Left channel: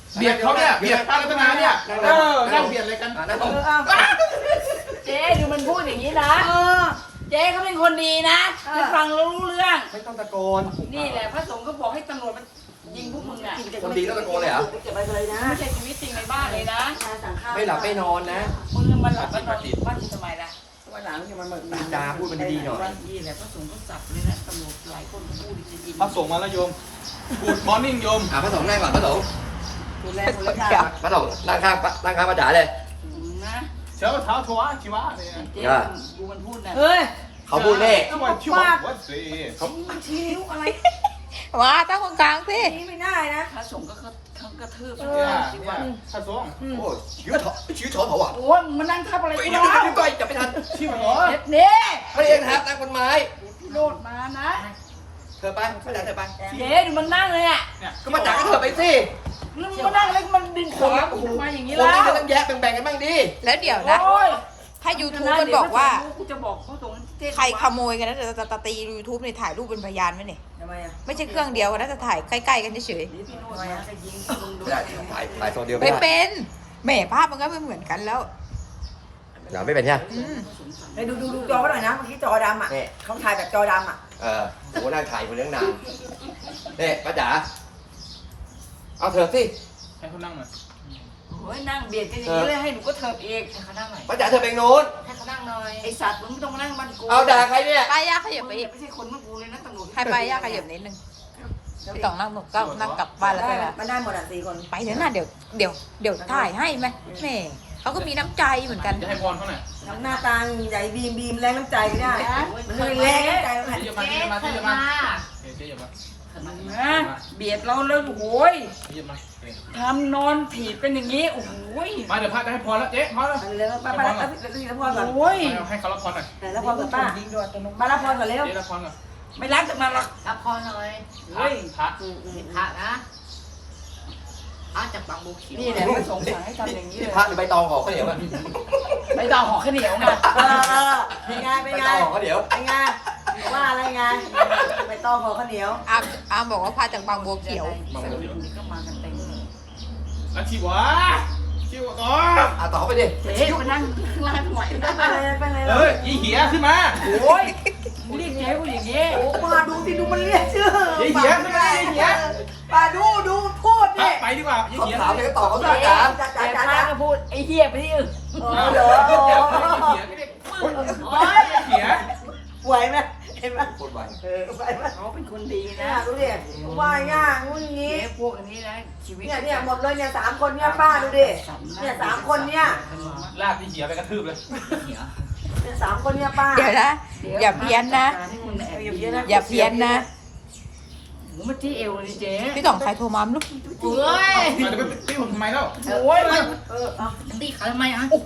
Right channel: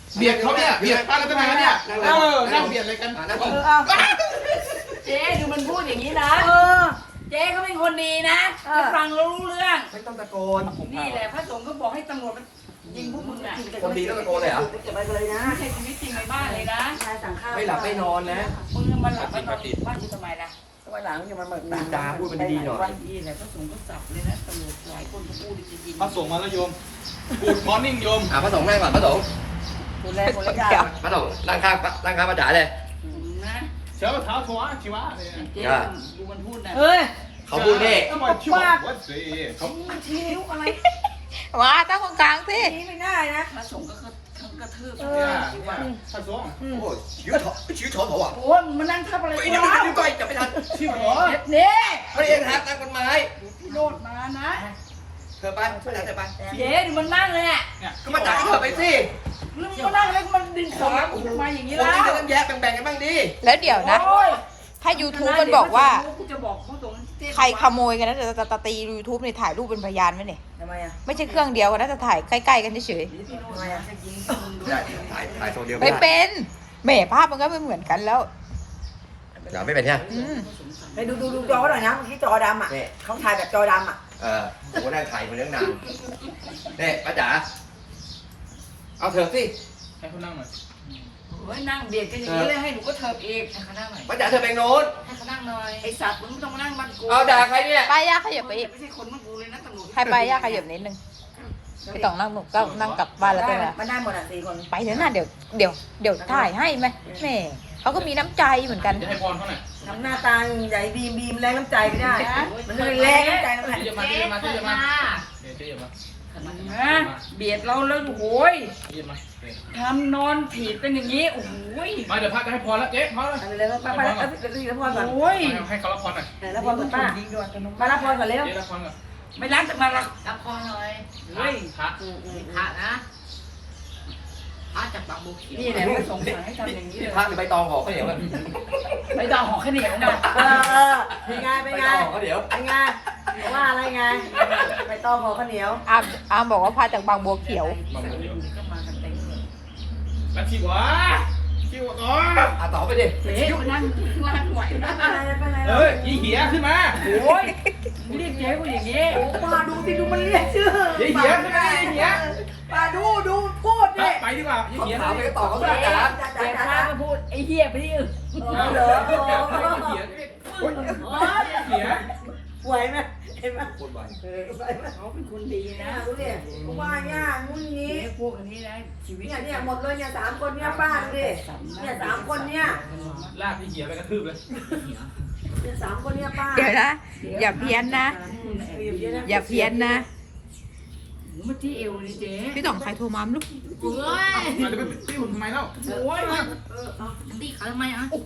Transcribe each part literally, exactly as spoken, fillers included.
เบียดเขาเนี่ยเบียดป้ารัตนาเนี่ยเออนั่งเบียดอะไรกันเจ๊ดูมันพูดอย่างนี้นะเจ๊เขาเป็นคนดีนะฟังรู้เรื่องไม่ต้องตะโกนนี่แหละพระสงฆ์ก็บอกให้ตำรวจยิงพวกมึงน่ะคนดีต้องตะโกนเลยเหรอเก็บไปเลยนะไม่ใช่ชีวิตจริงในบ้านเลยนะไม่หลับไม่นอนนะมึงมันหลับไม่นอนบ้านกูทำไมล่ะวันหลังอย่ามาเหมือนจาพูดมันดีๆหน่อยวันนี้แหละพระสงฆ์ก็สับเลยนะตำรวจหลายคนก็พูดจริงๆพระสงฆ์มาแล้วโยมกูดมอร์นิ่งโยมอ่ะพระสงฆ์นั่งก่อนพระสงฆ์คนแรกคนแรกจ้าพระสงฆ์นั่งข้างนั่งข้างพระจ๋าเลยนะเช้าเท้าชัวชิวะเลยเจ๊ดูมันพูดนะเฮ้ยเขาพูดเลขเขาบอกชิวะวัดสีเขาชี้นิ้วอะไรว้าตั้งตรงกลางสินี่ไม่ได้นะพระสงฆ์ก็กระทืบพระสงฆ์โอ้ชื้อถอชื้อถอนเขาอ่ะโอ้ยมันนั่งทับอะไรกันวะพี่ก้อยจับไม่ทันชิวเหรอเนี่ยเขาเองครับนั่งบนไม้โดดมานะเธอไปเธอไปเจ๊ดูมันนั่งเลยอ่ะก็มาจับเธอไปสิมันนั่งแล้วมันดึงขามาอย่างนี้แล้วคนนี้ต้องแยกแบ่งๆกันบ้างดิแล้วเดี๋ยวนะถ้า ยูทูบ มันบอกว่าใครขโมยกันนะจะจะตี ยูทูบ เนี่ยถ่ายรูปเป็นพยานไหมเนี่ยทำไมอ่ะไม่ใช่เครื่องเดียวกันนะจะถ่ายใกล้ๆกันเฉยทำไมอ่ะถ่ายโซเดียวไม่เป็นแหม่ภาพมันก็ไม่เหมือนกันแล้วเดี๋ยวไม่เป็นเนี่ยไปดูดูดูจอหน่อยนะเมื่อกี้จอดำอ่ะเขาถ่ายแบบจอดำอ่ะเออผมก็นั่งถ่ายคนเลี้ยงนานเนี่ยป้าจ๋าเอาเถอะสิให้เขานั่งหน่อยโอ้ยนั่งเบียดกันอย่างนี้เลยให้หนูก็เถิบเองให้เขานั่งหน่อยป้าจ๋าเธอเป็นโน้นให้เขานั่งหน่อยไอสัตว์มึงไม่ต้องมานั่งมันกูเอาด่าใครเนี่ยป้ายาขยับไปอีกไม่ใช่คนมันกูเลยนะตำรวจให้ป้ายาขยับนิดนึงไม่ต้องนั่งหนูก็นั่งกลับบ้านแล้วไปละมันได้หมดอ่ะสี่คนไปเดี๋ยวนะเดี๋ยวเดี๋ยวเดี๋ยวถ่ายให้ไหมแม่เขาก็มีน้ำใจเหมือนกันจะให้พรเขาหน่อยทำหน้าตาใหญ่บีมบีมแรงน้ำใจก็ได้มันแรงน้ำใจเท่าไหร่เจ๊มาเจ๊มาเจ๊มาเจ๊มานะเบียดเราแล้วโอ้ยทำนอนถีบเป็นอย่างนี้โอ้ยมาเดี๋ยวพระจะให้พรแล้วเจ๊พรแล้วเลยป้าป้ารับพรก่อนโอ้ยให้เขารับพรหน่อยรับพรก่อนป้ามารับพรก่อนเร็วเจ๊รับพรก่อนไม่รับจากมาหรอกรับพรหน่อยเฮ้ยพระพระนะพระจากบางบุเขียวนี่แหละไม่สงสารให้ทำอย่างนี้เลยพระหรือใบตองห่อข้าวเหนียวใบตองห่อข้าวเหนียวไงเออเป็นไงเป็นไงห่อข้าวเหนียวเป็นไงว่าอะไรไงใบตองห่อข้าวเหนียวอามอามบอกว่าพาจากบางบัวเขียวบางบัวเขียวก็มากันเต็มเลยแล้วชิวะชิวะต่ออ่ะต่อไปดิเจ๊มานั่งล่างไหวได้ไปเลยไปเลยเอ้ยยี่เหี้ยขึ้นมาโอ้ยเรียกเจ๊กูอย่างนี้โอ้ป้าดูสิดูมันเรียกชื่อยี่เหี้ยขึ้นมายี่เหี้ยป้าดูดูพูดดิไปดีกว่ายี่เหี้ยถามไปต่อเขาจ้าจ๋าจ๋าจ๋าจ๋าพูดไอ้เหี้ยไปที่อื่นเหรอยี่เหี้ยโอ้ยเหี้ยไหวไหมเห็นไหมพูดไหวเออไหวไหมเขาเป็นคนดีนะดูดิว่าง่างุ้นงี้พวกอันนี้นะชีวิตเนี่ยเนี่ยหมดเลยเนี่ยสามคนเนี่ยป้าดูดิเนี่ยสามคนเนี่ยลากยี่เหี้ยไปกระทืบเลยเนี่ยสามคนเนี่ยป้าเดี๋ยวนะอย่าเพี้ยนนะอย่าเพี้ยนนะมันที่เอวเลยเจ๊พี่ต่องใครโทรมาลูกเฮ้ยจะไปตีผมทำไมเล่าโอ้ยเออตีขาทำไมอ่ะโอ้โห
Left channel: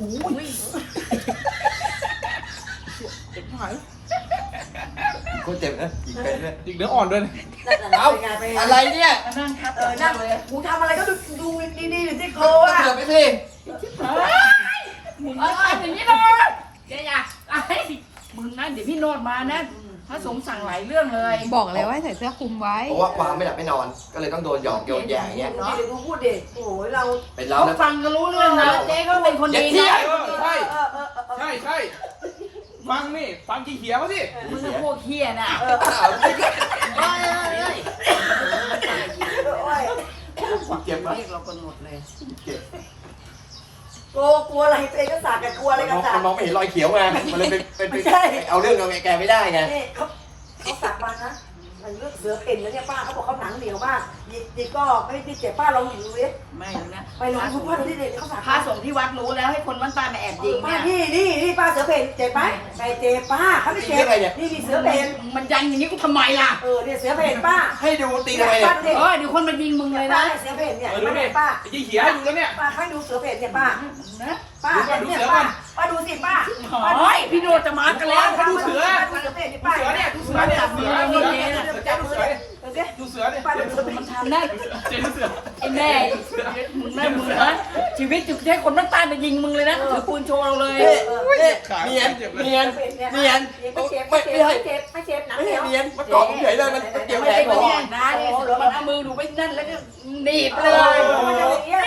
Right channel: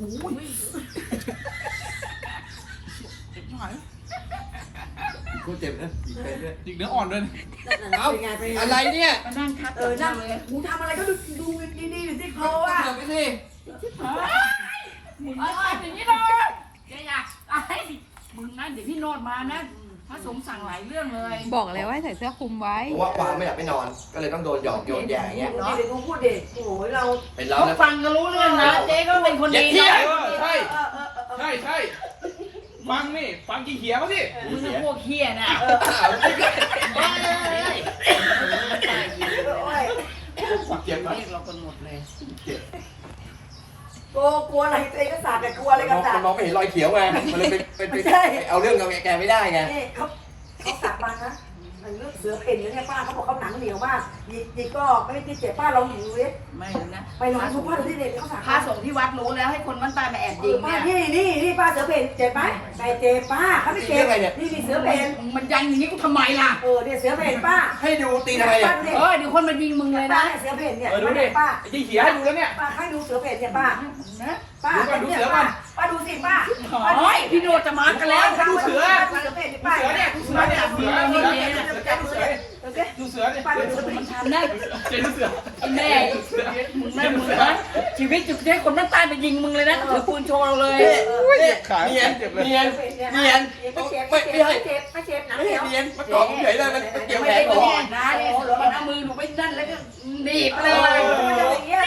เจ็บหายกูเจ็บนะอีกเป็นด้วยอีกเนื้ออ่อนด้วยเอาอะไรเนี่ยเออนั่งเลยมึงทำอะไรก็ดูดูดีๆหรือที่โคอ่ะเกิดไปสิมึงทำอย่างนี้เลยเจ๊อย่าไอ้มึงนะเดี๋ยวพี่โนดมานะพระสงฆ์สั่งหลายเรื่องเลยบอกเลยว่าใส่เสื้อคลุมไว้เพราะว่าความไม่หลับไม่นอนก็เลยต้องโดนหยอกโยนแย่อย่างเงี้ยเนาะเดี๋ยวมึงพูดเด็กโอ้ยเราเป็นเราฟังก็รู้เรื่องนะเจ๊ก็เป็นคนดีนะใช่ใช่ใช่ฟังนี่ฟังกี่เขียวมาสิมึงเป็นพวกเขี้ยน่ะเจ็บเรียกเรากันหมดเลยเจ็บกลัวกลัวอะไรเจ๊ก็สาดแต่กลัวอะไรกันสาดมันมองไม่เห็นรอยเขียวไงมันเลยเป็นเป็นเอาเรื่องเอาแกไม่ได้ไงเขาเขาสาดมันนะมันเลือกเสือเพ่นแล้วเนี่ยป้าเขาบอกเขาหนังเหนียวมากยิงยิงก็ไม่ได้เจ็บป้าลองดูดิไม่นะไปลองดูป้าดูที่เด็กเขาสาดพาส่งที่วัดรู้แล้วให้คนมันตายมาแอบยิงเนี่ยนี่นี่นี่ป้าเสือเพ่นเจ็บไหมไม่เจ็บป้าเขาไม่เจ็บนี่นี่เสือเพ่นมันยันอย่างนี้กูทำไมล่ะเออเนี่ยเสือเพ่นป้าให้ดูตีทำไมเออเดี๋ยวคนมายิงมึงเลยนะเสือเพ่นเนี่ยดูดิป้ายี่เขียวให้ดูแล้วเนี่ยป้าให้ดูเสือเพ่นเนี่ยป้านะป้าดูเสือก่อนป้าดูสิป้าโอ้ยพี่โดจะมากันแล้วดูเสือเสือเพ่นป้าเสือเนี่ยดูเสือเนี่ยเสือเสือเนี่ยดูเสือดูเสือเนี่ยป้าดูเสือมันทำได้เจ๊ดูเสือไอ้แม่มึงแม่มึงนะชีวิตจุดให้คนมันตายมายิงมึงเลยนะถือปืนโชว์เราเลยเนียนเนียนเนียนไม่เจ็บไม่เจ็บไม่เจ็บไม่เจ็บหนังเหนียวเนียนมันเกาะเฉยเลยมันเกี่ยวแขนก่อนนะมือหนูไปนั่นแล้วก็หนีบเลย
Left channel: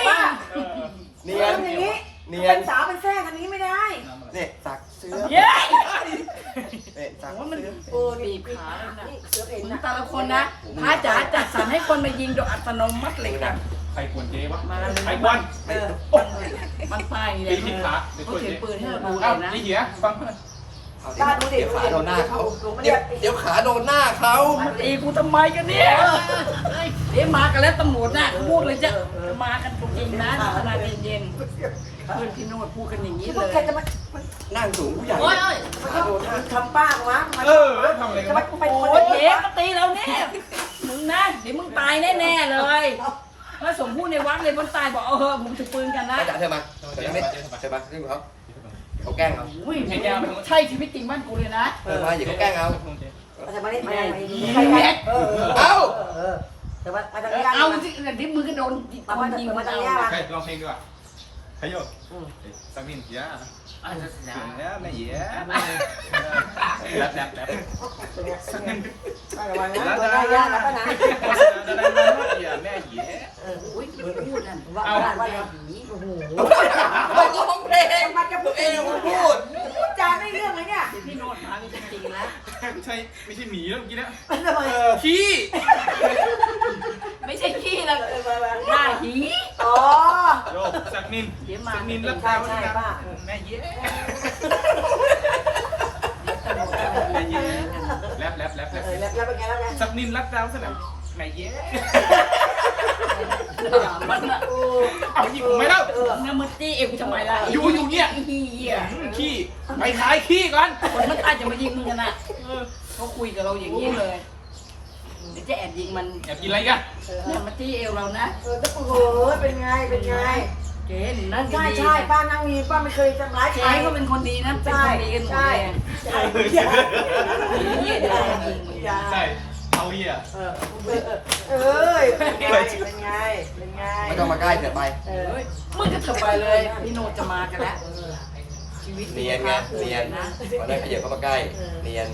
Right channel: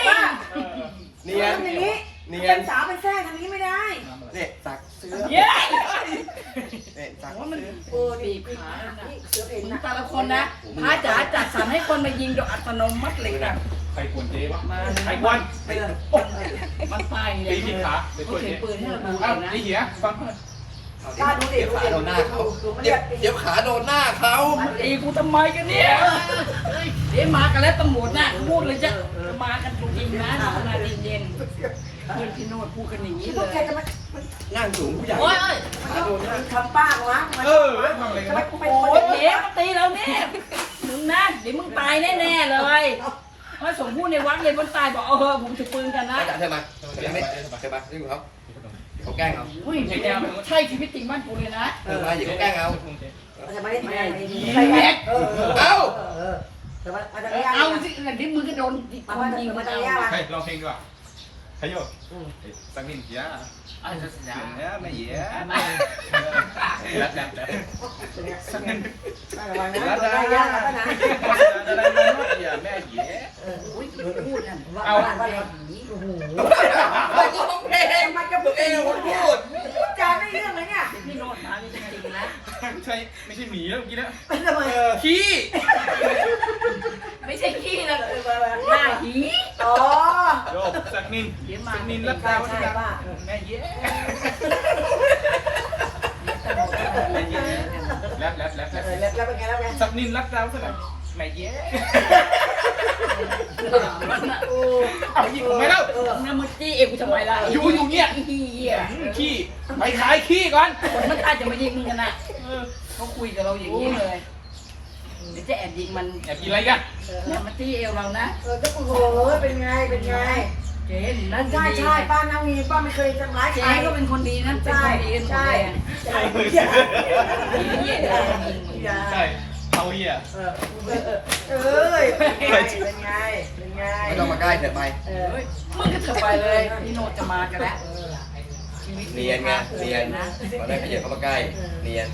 เออบีนี่บขาแล้วนะเสือเพ่นมึงนะแต่ละคนนะพระจ๋าจัดสรรให้คนมายิงโดยอัตโนมัติเลยค่ะใครกวนเจ๊วะมาใครกวนเออมันไปเลตียที่ขาเดี๋ยวเขากวนเขียเจ๊นปืนให้เราดูเอ้านะไอ้เหี้ยฟังเพื่อนบ้านดูดิเดี๋ยวขาโดนหน้าเขาเดี๋ยวเดี๋ยวขาโดนหน้าเขามันตีกูทำไมกันเนี่ยเอ๊ะมากันแล้วตำรวจน่ะพูดเลยจะจะมากันจริงๆนะขนาดเย็นๆเพื่อนพี่โนดพูดกันอย่างนี้ที่เลพวกยแกจะมานั่งสูงผู้ใหญ่โอ้ยขาโดนหน้าทำป้างวะเออทำอะไรกันวะไปโอ้คนยเดีเจ๊ยวมาตีเราเนี่ยมึงนะเดี๋ยวมึงตายแน่ๆเลยพระสงฆ์พูดในวัดเลยคนตายบอกเออผมถือปืนกันนะป้าจ๋าเธอมาเดี๋ยวไม่เธอมาขึ้นเขาเขาแกล้งเอาอุ้ยแกใช่ชีวิตจริงบ้านกูเลยนะเออมาอย่าเขาแกล้งเอาจะมาได้มาได้ใครแกเออเออเออแต่ว่าอาจารย์เอาสิเดี๋ยวมือก็โดนมาคนมายิงมามาจาเอากเนี้ยมาใครลองเพลงดีกว่าใครโยกสังนินเหี้ยอ่ะเสียงเนี้ยไม่เหี้ยแรปแรปแรปสังนินระวังแล้นะวได้ได้ได้ยากแล้วนะได้ได้ได้เหี้ยแม่เหี้ยอุ้ยพูดนั่นเอาว่าเราโอ้โหไม่ร้องเพลงมันกระปุกเอเองวพูดจานไม่เรื่องเลยเนี่ยพี่โนดมาจริงๆนะไม่ใช่ไม่ใช่หมีแล้วเมื่อกี้นะทำไมขี้ไม่ใช่ขี้นะหน้าหีอ๋อโยกสักนินสักนินรับดาวนี่ครับแม่เย้แม่เย้แรปแรปแรปแรปเออแล้วเป็นไงแล้วไงสักนินรับดาวซะหน่อยแม่เย้เอาหยิบผมไม่เล่าน้ำมันจี้เอวทำไมล่ะอยู่อยู่เนี่ยขี้เหี้ยขี้ไปขายขี้ก่อนคนมันตายจะมายิงมึงกันนะเขาคุยกับเราอย่างนี้เลยเดี๋ยวจะแอบยิงมันแอบกินอะไรกันน้ำมันจี้เอวเรานะเออจะโอ้โหเป็นไงเป็นไงเจ๊นั่นใช่ใช่ป้านั่งมีป้าไม่เคยทำร้ายใครเจ๊ก็เป็นคนดีนะเป็นใช่คนดีกันหมดใช่เลยใช่เหี้ยเดี๋ยวเรายิงมึงใช่เอาเหี้ยเออเอ้ยเป็นไงเป็นไงไม่ต้องมาใกล้เถิดไปเออเฮ้ยมึงก็เถอะไปเลยพี่โนดจะมากันแล้วชีวิตเรียนไงเรียนนะมาได้ขยับเข้ามาใกล้เรียน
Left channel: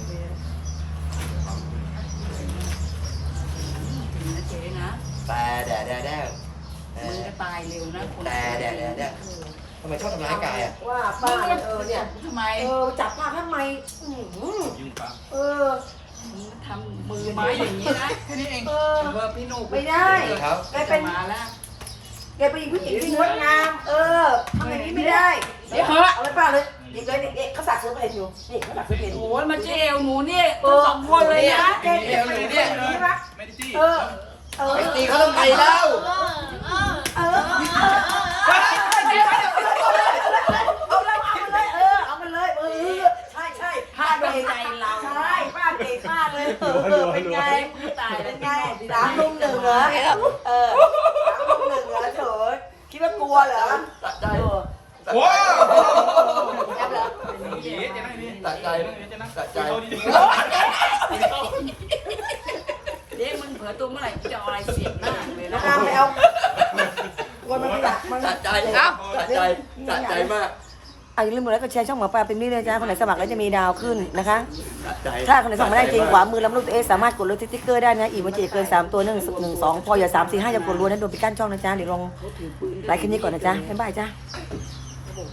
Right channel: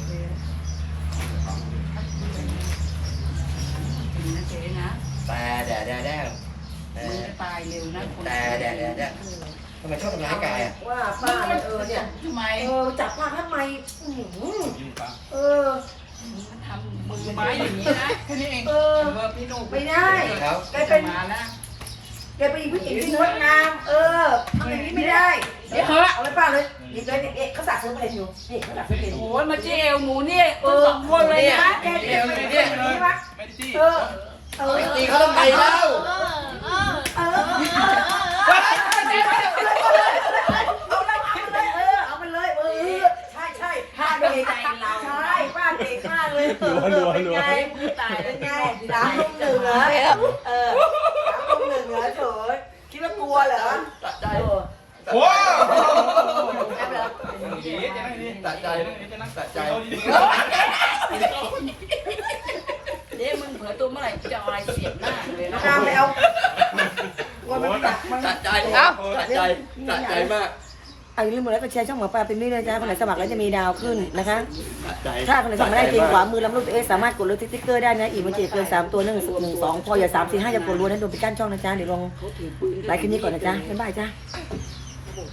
เจ๊นะแต่แดดแดดแดดมึงจะตายเร็วนะคนแต่แดดแดดแดดทำไมชอบทำร้ายกายอ่ะว่าป้าเออเนี่ยทำไมเออจับป้าทำไมเออมึงทำมือไม้อย่างนี้นะแค่นี้เองเออเออพี่โนดไม่ได้ครับแกเป็นมาแล้วแกเป็นผู้หญิงที่งดงามเออทำอย่างนี้ไม่ได้เดี๋ยวเถอะเอาไปป้าเลยนี่เดี๋ยวนี่เขาสักเสื้อเพลอยู่นี่เขาสักเสื้อเพลโอ้ยมาเจลหนูเนี่ยทั้งสองคนเลยนะแกแกเป็นอย่างนี้ปะไม่ได้จี้เออเออตีเขาต้องตีแล้วเออเอาเลยเออเอามันเลยเออใช่ใช่ป้าเบรกใจเราใช่ป้าเบรกมากเลยเออเป็นไงมึงตายเป็นไงสามลุงหนึ่งเหรอเออสามลุงหนึ่งเหรอเถอะคิดว่ากลัวเหรอตัดใจโอ้ตัดใจตัดใจเดี๋ยวมึงเผลอตัวเมื่อไหร่จะเอาอะไรเสียบหน้าเลยนะตามไปเอาวันมันหนักมันตัดใจตัดใจตัดใจมากอ่ะอย่าลืมกดไลค์กดแชร์ช่องหมอปลาเป็นนี่นะจ๊ะคนไหนสมัครแล้วจะมีดาวขึ้นนะคะตัดใจถ้าคนไหนสมัครไม่ได้จริงขวามือลำรูปตัวเองสามารถกดเลยสติ๊กเกอร์ได้นะอีกมันจะเกินสามตัวหนึ่งหนึ่งสองพออย่าสามสี่ห้าอย่ากดรัวนั้นโดนปิดกั้นช่องนะจ๊ะเดี๋ยวลองไลค์คลิปนี้ก่อนนะจ๊ะบ๊ายบายจ้ะ